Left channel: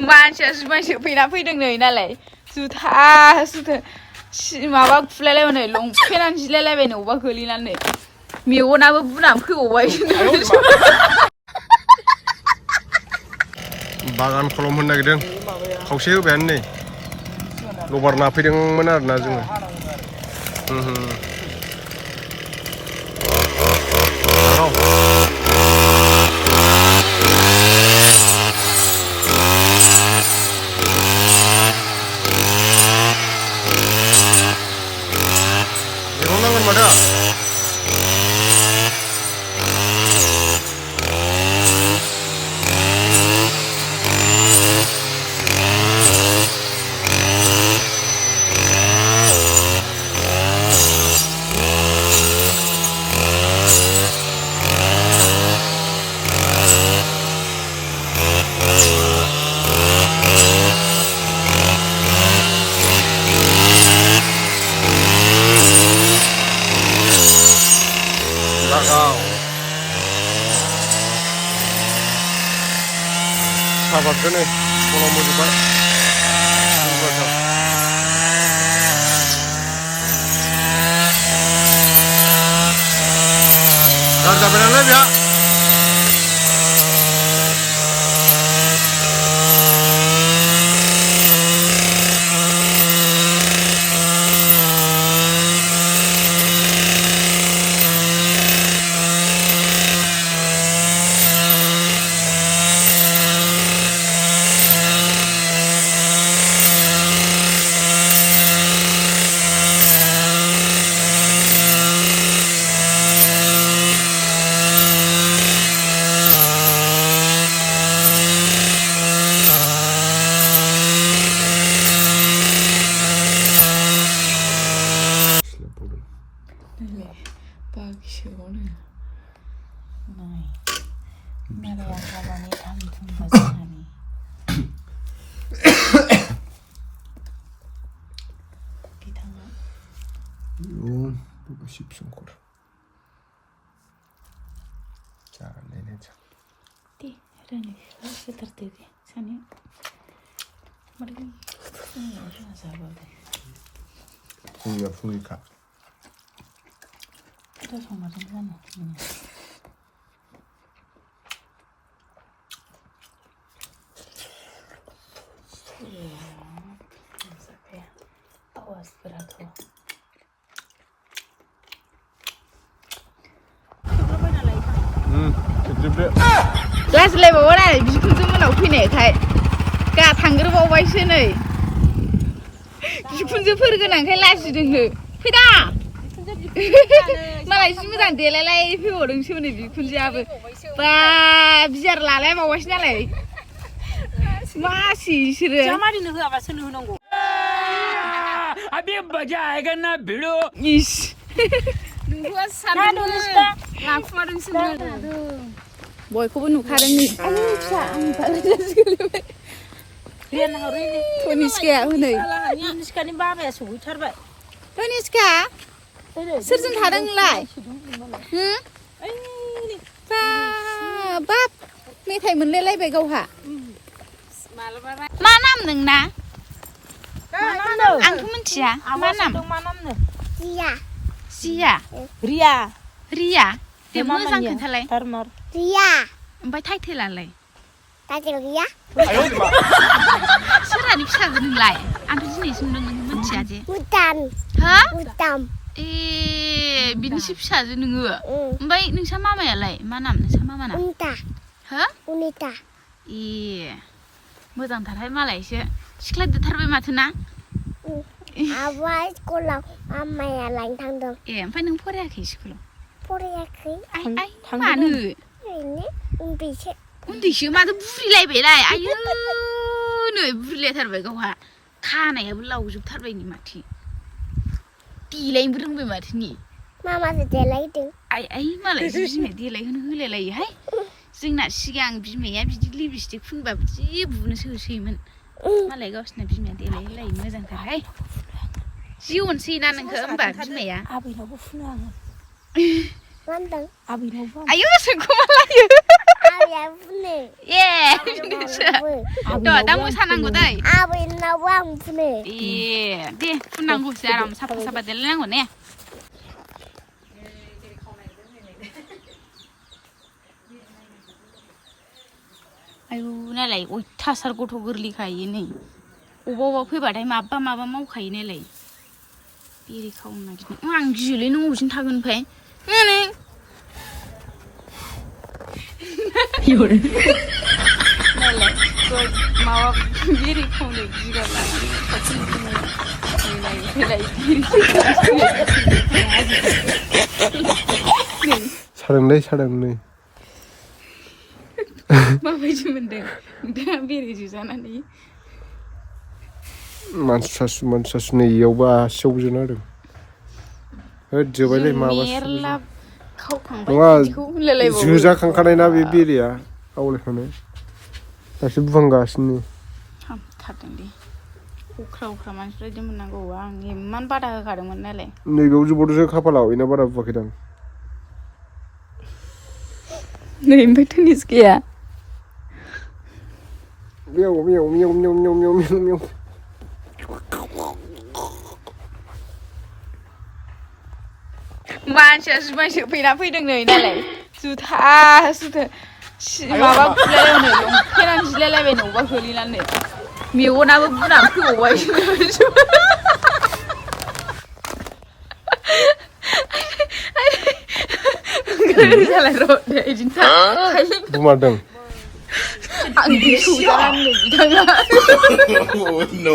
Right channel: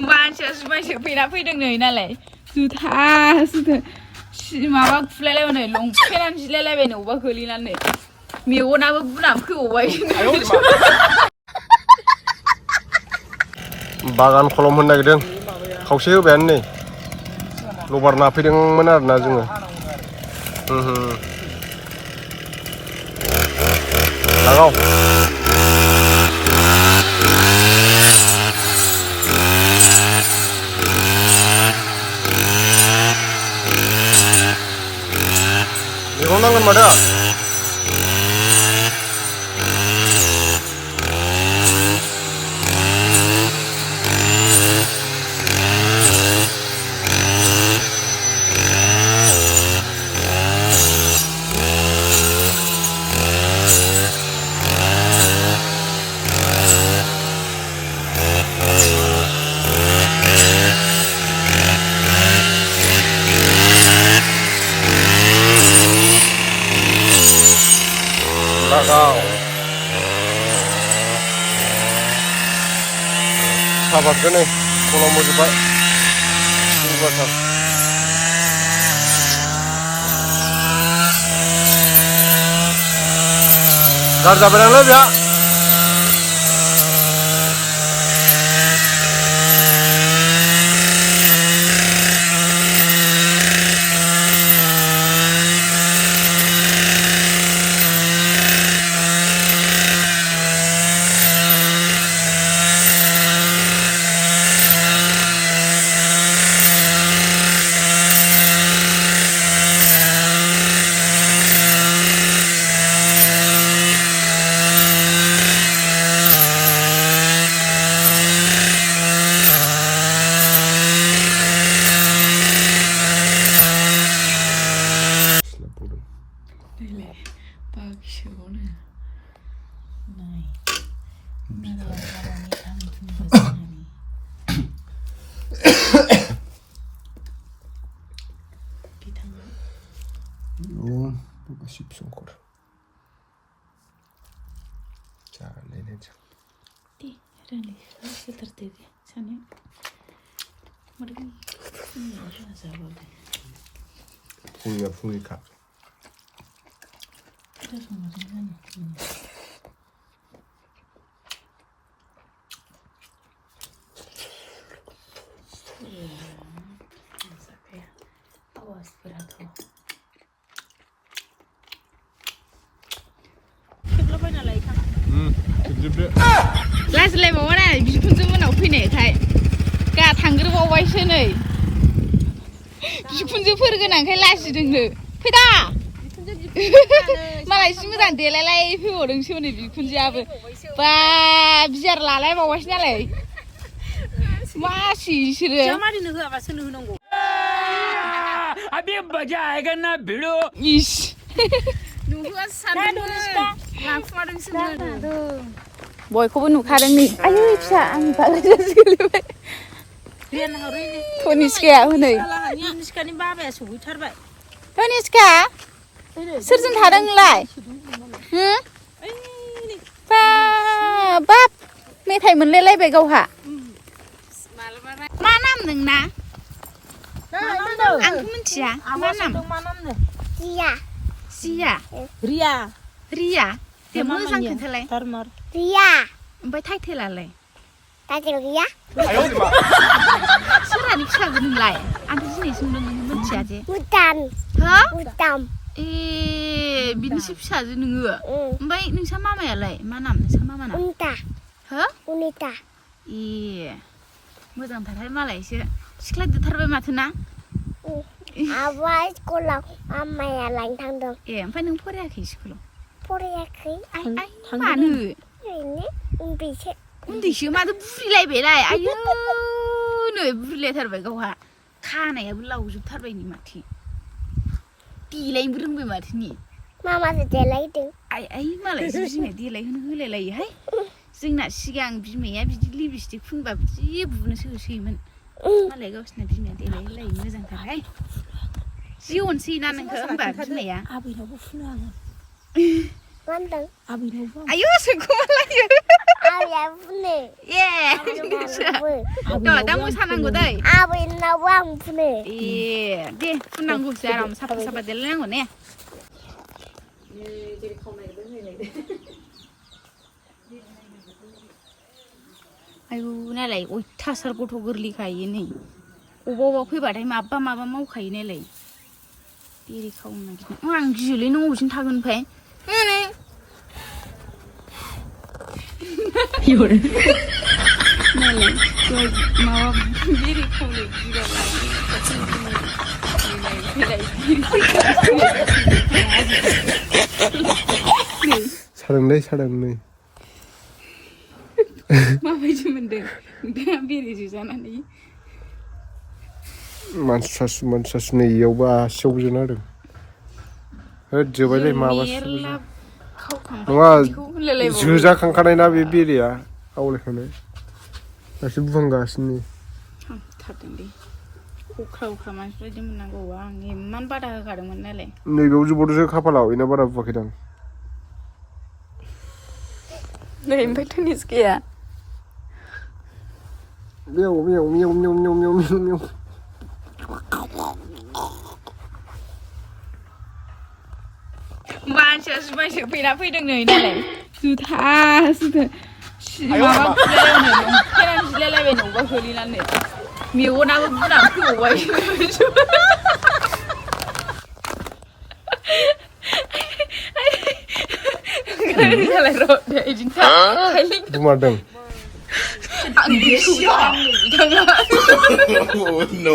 मानसिया फैना फैदों नै नालाय जुथा माबा खुलायलायबाय नै लंपेन्टानो जिलायलायबाय नै अबेबा गोलैनानै मेगनाबो बुनानै फैबावबाय बागान खलम होनो नागिरदों खावसे होबायानो नै लबार नाफैदोंमोन आरोना जोङो लागाव मैगं नांगोन माथो लागाव साबादखौ नै खलम होजोब्बाय जौगाथार गाज्रि जाबाय नालाय बेहा Sipsungkur. Caranya aja. Di, ada nih, sekitar tiga, sana. Mereka, ada sahabat deh. Fungi kak. Ada sama sana. Sampai, awas berat loh. गाज्रिलायबावा नालाय बिखुनजो मोनाव फैनायखाय गा थांग्रोबावबायसो नै बिखुनजोफोर गोनांखाय लाजिदोंनो फैदा मालाय जि मोजां देलायलाय फैबावदोंसो नै बिखुनजोआबो बा बियार लालायबावबायसो नालाय मासि बिसोरो जामारिनो होआबा सोरनो होनांगौ अबे मजा आएगा ना भिड़ो इस नुवा सानदों लाखुमादोंसो बयखौबो नुखादों नै आयु फिसा आं बालायजासो गोलैबाय रेन हरैनो कनिष्काया हनै कनिष्कानि बाबाया सौहैथारबाय कनिष्का सोरजों थादों नोंलाय हो बाब मेथाइ मोनलायलायबाय गावहा मा नाम नोंना आंथ' मिथिया मा नाम जिया रिया दे मोजां खोन्थालाय रिया ओमफ्राय टाइटेलालाय टाइटेल गैया सोरानि फिसाजो नोंलाय आंथ' दिनैसो नुदों मिथिया जे भुटान हा भुटान ए बिनिसो फिसाजो नोङो ओमफ्राय नोंसा मामायालाय मा नाम नोंसा मामाना उनिता हो उनिता ए मोजांथारहाय मालायसो सिख्ला देरथारबाय माथो ना आबा स्कुलाव मामाया लायनो थांदों ए ओमफ्राय नों फरायाखै स्कुलाव फरायाखै आइ मानो ओरैनो उन्दैसो उन्दैसो माथो बुरिलायबायलाय आयु नै बुरिलायथारबाय गावहा खानायाबो लावजोबथारबाय नै माथो देलायनोबो रोंबाय माथो नि मामासो देलायदों आइ मालायसो बिमाया देलायहोनो होलायलायोहाय जोंना सिगां बिमाया बिदि लिपस्टिक फुनबाबो जि बुनोसो होसोयोमोन मालाय गावसिना बिमाया देलायहोलायो मोजांथारहाय जि अनसै ना नोंखो होमबा बिमाया आबैनावबो फुनो आङो मा होनदों आबैनावबो आयु सोंखोमालायो 아버야 분해. 예 너 땅물 사는 거다 아버야 나왕 분해. 네 분난 거 사람 사파 될라는 거네 아이고 나लाय 어이타살 गथ' गोरलैखायो नै अबावबा फैबाथाय माबा मावखायो नालाय बेरे खावनो नागिरदों आं गियोलै नों अबेसिम थागोन ओमफ्राय माबा बेरे खावनो गिग्रा लानानै 사랑네 माबायदि मोनदों नोंथाङा बेरे जुजानानै मानसि सासे नै इयावबो आसियाव जोना होदों होद जोबायलै माबा मेरला खावखांबाय नङा बिदिखौ होनलायलायबावो जोजाखांखानाय ना बे बेरेया आवलायखानाय दासो बुंगासिनो हामथारदों दे अख्रा मानसिफ्रा बिदि मोननांगौ आं इमान बादा होखादोंमोन नालाय नैबेयाव जोबोदसो खाफालाव इना बारा बुवाखैदां नै ओमफ्राय टेनिस गैया मियाव मानसिया जुमाय सोफैना फैदों नै नालाय जुथा माबा खुलायलायनो लंपेन्ट जिलायलायबाय न'बा गोलैनानै मेगनाबो बुनानै फैबावबाय बुमारदों आं गोसोआनो बिथाङा no